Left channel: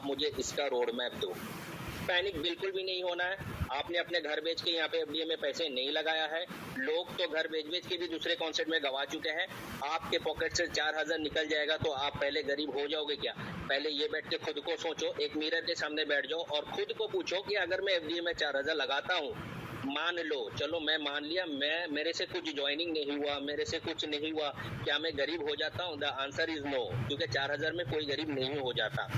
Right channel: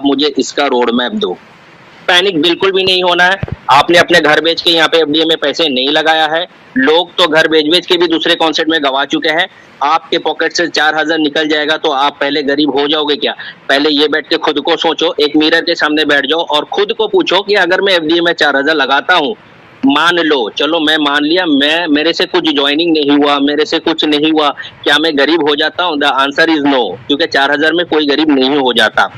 आप मुझे इसका रोड मैप दो। पैनिक बिल्कुल भी नहीं होना है। आपने अपने घर बेच के यहाँ पे एफडीए में पैसे नहीं लगाया है। लोग तो घर बेच-बेच के भी दूसरे कॉन्सेप्ट में गवा चुके हैं। आपके पॉकेट से 4000 निकल जाएगा तो आप पहले गरीब हो जाओगे क्या? पहले ये बैठ के खुद को सोचो, एक मिरर के सामने बैठ जाओ और खुद को पूछो कि अगर मैं एफडीए में 4000 लगाता हूँ, मान लो, चलो मैं मान लिया, मेरे से कुछ जॉइनिंग नहीं हुआ, मेरे से कुछ नहीं हुआ, क्या मैं गरीब हो जाता हूँ? द आंसर इज नो, क्योंकि 4000 में कोई गरीब नहीं हो जाता।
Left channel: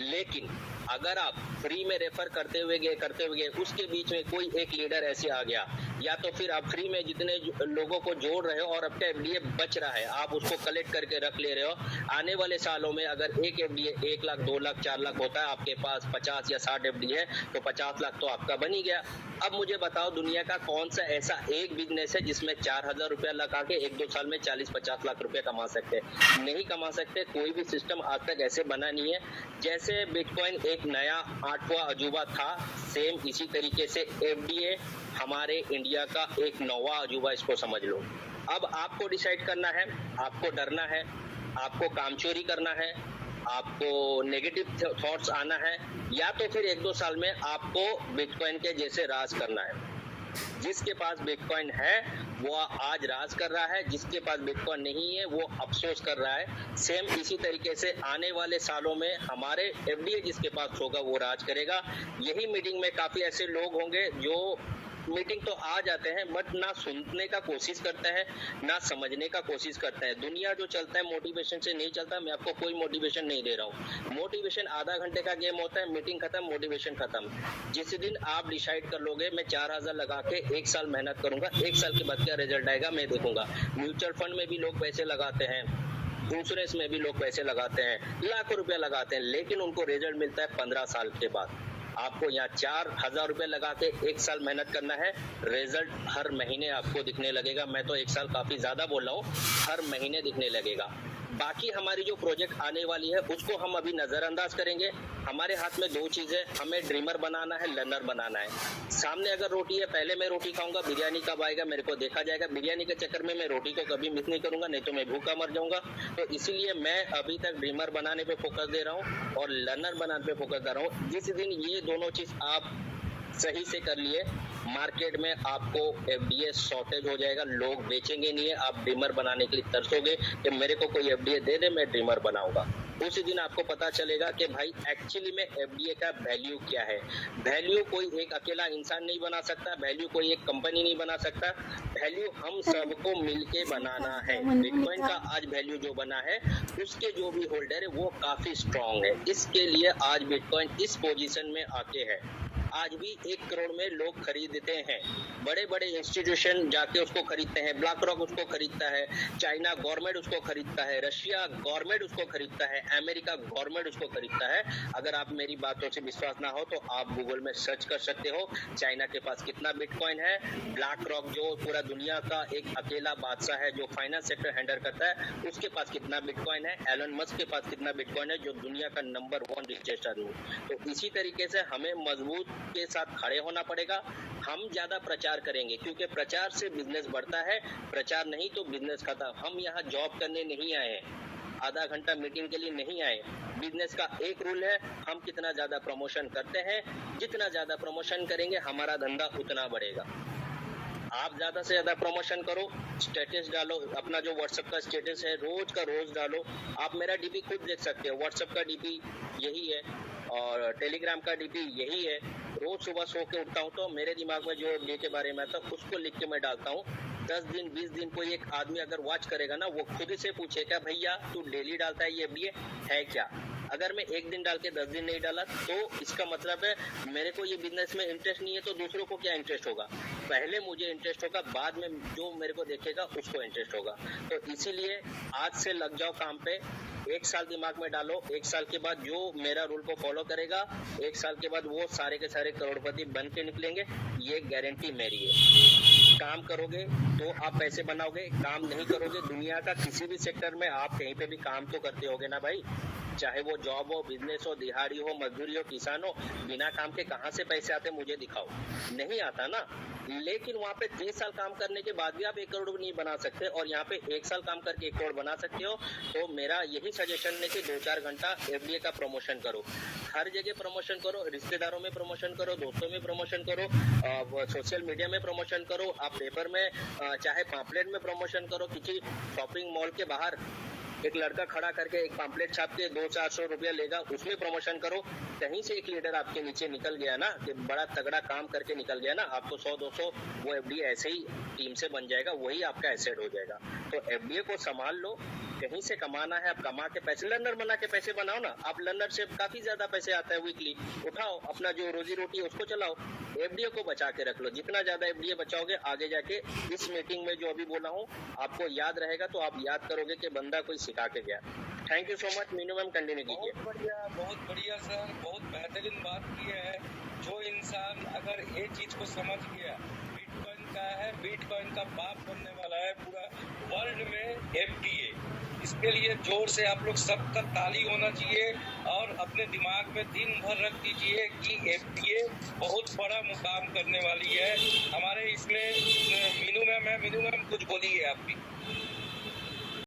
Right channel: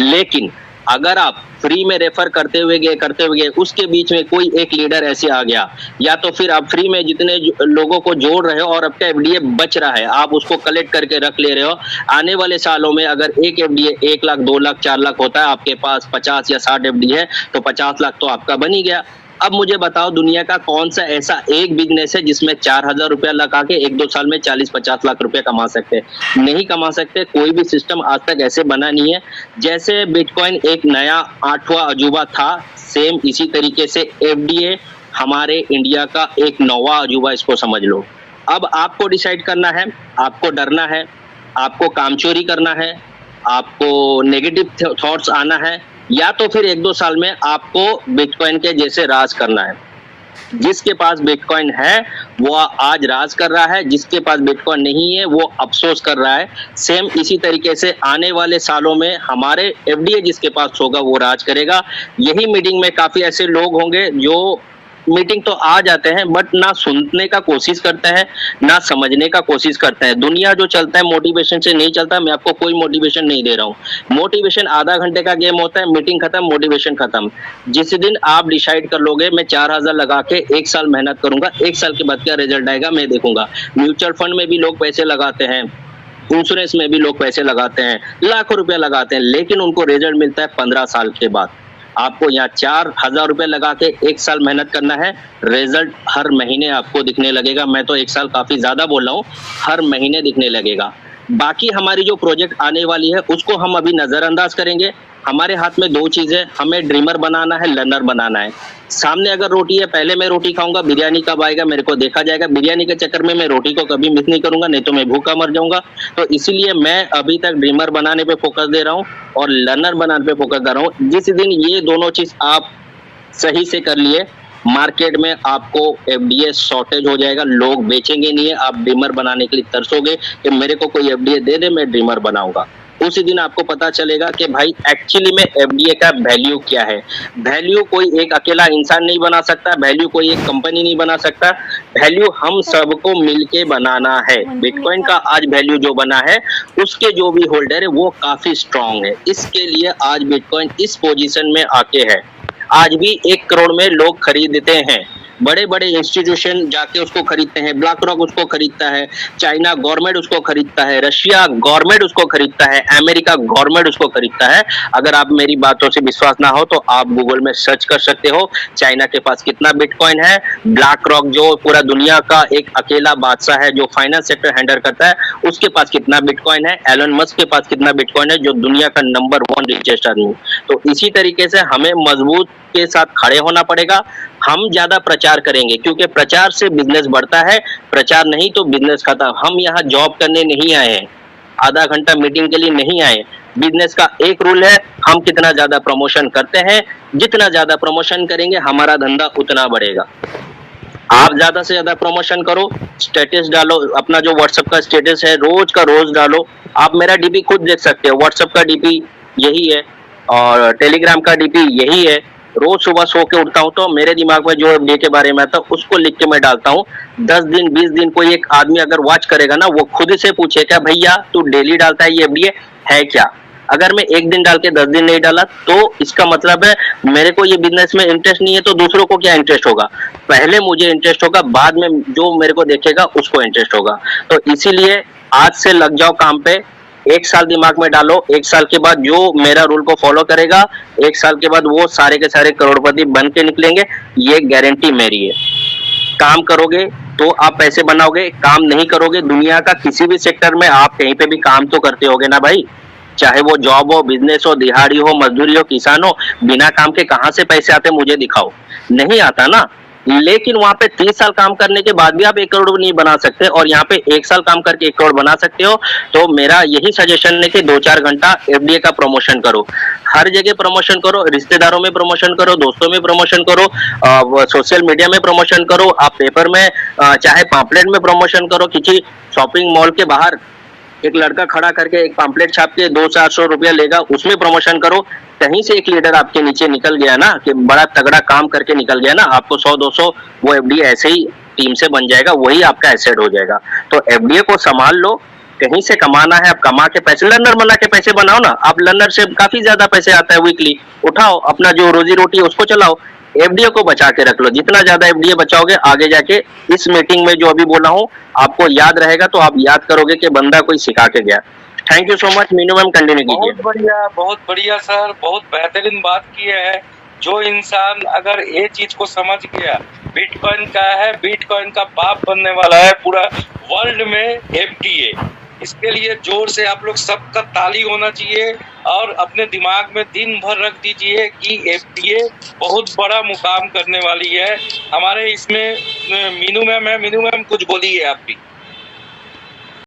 लेकिन अगर आप फ्री में रेफर करते हुए गए उसके बीच में कोई एक लीडर ऐसे आ गया, या तो फिर आप फ्री में जितने लोगों को जोड़ रहे हो और आपका एफडीए बच रहा है, आप उसको कलेक्ट करके रख ले रहे हो। आने वाले सालों में अगर एक एफडीए 1 लाख 2 लाख 4 लाख होता है, आपके पास 50 या 60 एफडी है तो 50 लाख तो आपका बन ही गया। अब मुझे बताओ, दुनिया का कौन सा ऐसा एक बिजनेस है जिसमें 4000 रुपया लगा के 1-2 साल में 40-50 लाख रुपया कमा सकते हैं? नहीं कमा सकते। कोई भी सिस्टम आज तक ऐसे बना नहीं है। जैसे बिटकॉइन एक नया 8वां अजूबा था, सेम इसी तरीके से एफडीए हमारे इंडिया का एक 9वां अजूबा, इसको समझ लो। अब आपको डिसाइड करना है, आपको डरना है, आपको कामचोरी करना है, आपको नेगेटिव थॉट्स आना है, या तो फिर 1-2 साल में आपको बिटकॉइन के जैसे राज करना है। जिसके पास बिटकॉइन है वो आज राज कर रहा है, जिसके पास बिटकॉइन नहीं है वो अफसोस कर रहा है। सेम इसी तरीके से आने वाले सालों में हमारे एफडीए जिसके पास होगा वो राज करेगा। यही मीटिंग में काफी ऐसे लोग होंगे जो मीटिंग तो आ जाते हैं बट ना सुनने का कोशिश करते हैं, ना समझने का कोशिश करते हैं। दुनिया जो चलता है मोटिवेशन से नहीं चलता। मैं आपको कोई मोटिवेशन नहीं दे रहा हूँ। मोटिवेशन आधा घंटे का गेम होता है, मीटिंग खत्म, मोटिवेशन खत्म। जिस दिन आप डिसाइड कर लोगे मैं 4000 लगा के 1 साल मेहनत करूंगा, 1 साल के बाद क्या रिजल्ट आएगा मैं देखूंगा। म्यूचुअल फंड में भी लोग पैसे लगाते हैं, इंश्योरेंस में भी लोग पैसे लगाते हैं, लाखों रुपया लगाते हैं, लेकिन उनको रिजल्ट मिलता है 15 साल के बाद। आपको यहाँ 4000 रुपए लगा के 1 साल मेहनत करना है, रिजल्ट हर महीने आपको दिखने लगेगा। मैं तो 1 साल काफी ज्यादा बोल रहा हूँ, हर महीने दिखने लगेगा। बाकी हमारी जो प्रोजेक्ट आने वाली है उसको हम अभी नजरअंदाज करेंगे। हमारे हाथ में 2 चीजें, हमें ड्रीमर बनाना है, लर्नर बनाना है। सामने अगर रोटी है, पहले मैं रोटी खाऊंगा, बिरयानी कब आएगा मेरे को देखा जाएगा। बिरयानी के चक्कर में मैं रोटी को कभी मिस नहीं करूंगा, नहीं तो मैं भूखा मर जाऊंगा। तो इसीलिए मैं अभी तक ड्रीमर बनाने पे फोकस दे रहा हूँ और लर्नर बनाने पे फोकस दे रहा हूँ। जिस दिन ये दोनों चीज आप सही से कर लिए, मार्केट में आपको एफडीए शॉर्टेज हो जाएगा, लोग बेचेंगे नहीं है। आप ड्रीमर बनाने के लिए तरसोगे कि मेरे को कोई एफडीए दे दे, मैं ड्रीमर बनाऊंगा। उसी दिन आपको पता चलेगा कि भाई एक्चुअली में एफडीए का वैल्यू क्या है। वैल्यू कोई एक अकेला इंसान नहीं बना सकता, वैल्यू कोई एक कंपनी नहीं बना सकता, वैल्यू हम सबको मिलके बनाना है। बिटकॉइन का आज वैल्यू जो बना है उसके जो भी होल्डर है वो काफी स्ट्रांग है। इसके लिए आज बिटकॉइन इस पोजीशन में आके है। आज भी 1 करोड़ में लोग खरीदते हैं, बड़े बड़े इंस्टीट्यूशन जाके उसको खरीदते हैं, ब्लैक रॉक उसको खरीदता है, चाइना गवर्नमेंट उसको खरीदता है, रशिया गवर्नमेंट उसको खरीदता है, अमेरिका गवर्नमेंट उसको खरीदता है। अगर आप मेरी बातों से विश्वास ना हो तो आप गूगल में सर्च कर सकते हो, चाइना के पास कितना बिटकॉइन है। ब्लैक रॉक जो पूरा दुनिया का एक अकेला बादशाह है जो फाइनेंस सेक्टर हैंडल करता है, उसके पास कितना बिटकॉइन है। एलन मस्क के पास कितना बिटकॉइन है, जो दुनिया का नंबर 1 रिचेस्ट आदमी। तो इसी तरीके से हमें मजबूत के साथ खड़े होना पड़ेगा। हम ज्यादा प्रचार करेंगे क्योंकि प्रचार से बिजनेस बढ़ता है, प्रचार नहीं तो बिजनेस खत्म। हम यहाँ जॉब करने नहीं आए हैं, आधा घंटा मीटिंग के लिए नहीं आए। बिजनेस का एक रूल है, हम कितना ज्यादा प्रमोशन करते हैं, जितना ज्यादा प्रमोशन करेंगे हमारा धंधा उतना बढ़ेगा। आप ज्यादा से ज्यादा प्रमोशन करो, स्टेटस डालो, अपना जो व्हाट्सएप का स्टेटस है रोज का रोज डालो। आप मेरा डीपी खुद देख सकते हो, व्हाट्सएप का डीपी यही है और टेलीग्राम का डीपी यही है। रोज सुबह सो के उठता हूँ तो मेरे दिमाग में जो एफडीए के बारे में आता है उसको लिख के मैं डालता हूँ। 10 दिन 20 दिन कोई एक आदमी अगर वॉच करेगा ना, वो खुद से पूछेगा भैया तू डेली डालता है ये एफडीए है क्या। अगर मैं 1 दिन डाल के 10 दिन नहीं डाला तो इसका मतलब है मेरे को ये बिजनेस में इंटरेस्ट नहीं है, तो दूसरों को क्या इंटरेस्ट होगा। पहले मुझे इंटरेस्ट होगा, बाद में जो मेरे को देखेगा उसको इंटरेस्ट होगा। तो इसीलिए आज से लग जाओ काम पे। 1 साल दिमाग में डालो, 1 साल के बाद जो मेरा रूल को फॉलो करेगा, 1 साल के बाद वो सारे के सारे करोड़पति बन के निकलेंगे, ये गारंटी मेरी है। काम करोगे तो आप पैसे बनाओगे, काम नहीं करोगे, दुनिया का किसी भी सेक्टर में आप कहीं पे भी काम तो करते होगे ना भाई, चाहे वो जॉब हो, बिजनेस हो, दिहाड़ी हो, मजदूरी हो, किसान हो, बिना काम के कहाँ से पैसे आते मुझे दिखाओ। नहीं आता ना। लेकिन वहां पे 30 साल काम करने के बाद भी आप 1 करोड़ नहीं बना सकते और यहाँ पे 1 साल काम करके 1 करोड़ बना सकते हो। तो मेरा यही सजेशन है कि 2-4 घंटा एफडीए का प्रमोशन करो। हर जगह प्रमोशन करो, रिश्तेदारों में प्रमोशन करो, दोस्तों में प्रमोशन करो, सोशल मीडिया में प्रमोशन करो, आप पेपर में चाहे पॉम्पलेट में प्रमोशन करो, किसी शॉपिंग मॉल के बाहर एक लड़का खड़ा करके एक पॉम्पलेट छाप के 200-400 रुपया लेगा, उसमें प्रमोशन करो। कहीं से एक लीडर आपके नीचे निकल गया ना कि बड़ा तगड़ा काम करके निकल गया ना, आपको 100-200 वो एफडीए ऐसे ही टीम से बन जाएगा, वही आपका एसेट हो जाएगा। तो एफडीए को संभाल लो, कहीं से कमाना है आप कमा के पैसे, लर्नर बना के पैसे बनाओ ना। आप लर्नर से काफी ज्यादा पैसे आता है वीकली, उठाओ, अपना जो रोजी रोटी है उसको चलाओ। एफडीए को बचा के रख लो, जितना ज्यादा एफडीए बचाओगे आगे जाके इस मीटिंग में जो अभी बोला हूँ आपको याद रहेगा, तो आप याद करोगे कि बंदा कोई सिखा के गया। Thank you so much. Meenu ma'am continue कीजिए। बहुत बढ़िया सर, बहुत बेहतरीन बात की है। जो इंसान अगर ये चीज को समझ गया, बिटकॉइन का है, बिटकॉइन का बाप बनने वाला है पूरा वर्ल्ड में एफडीए। इसके लिए जोर से आप लोग सबका ताली होना चाहिए और अपने दिमाग में दिन भर रख दीजिए कि एफडीए बहुत बड़ा मुकाम करने वाली है हमारे। इसमें मीनू मैम है, मीनू मैम कुछ बोलिए आप भी।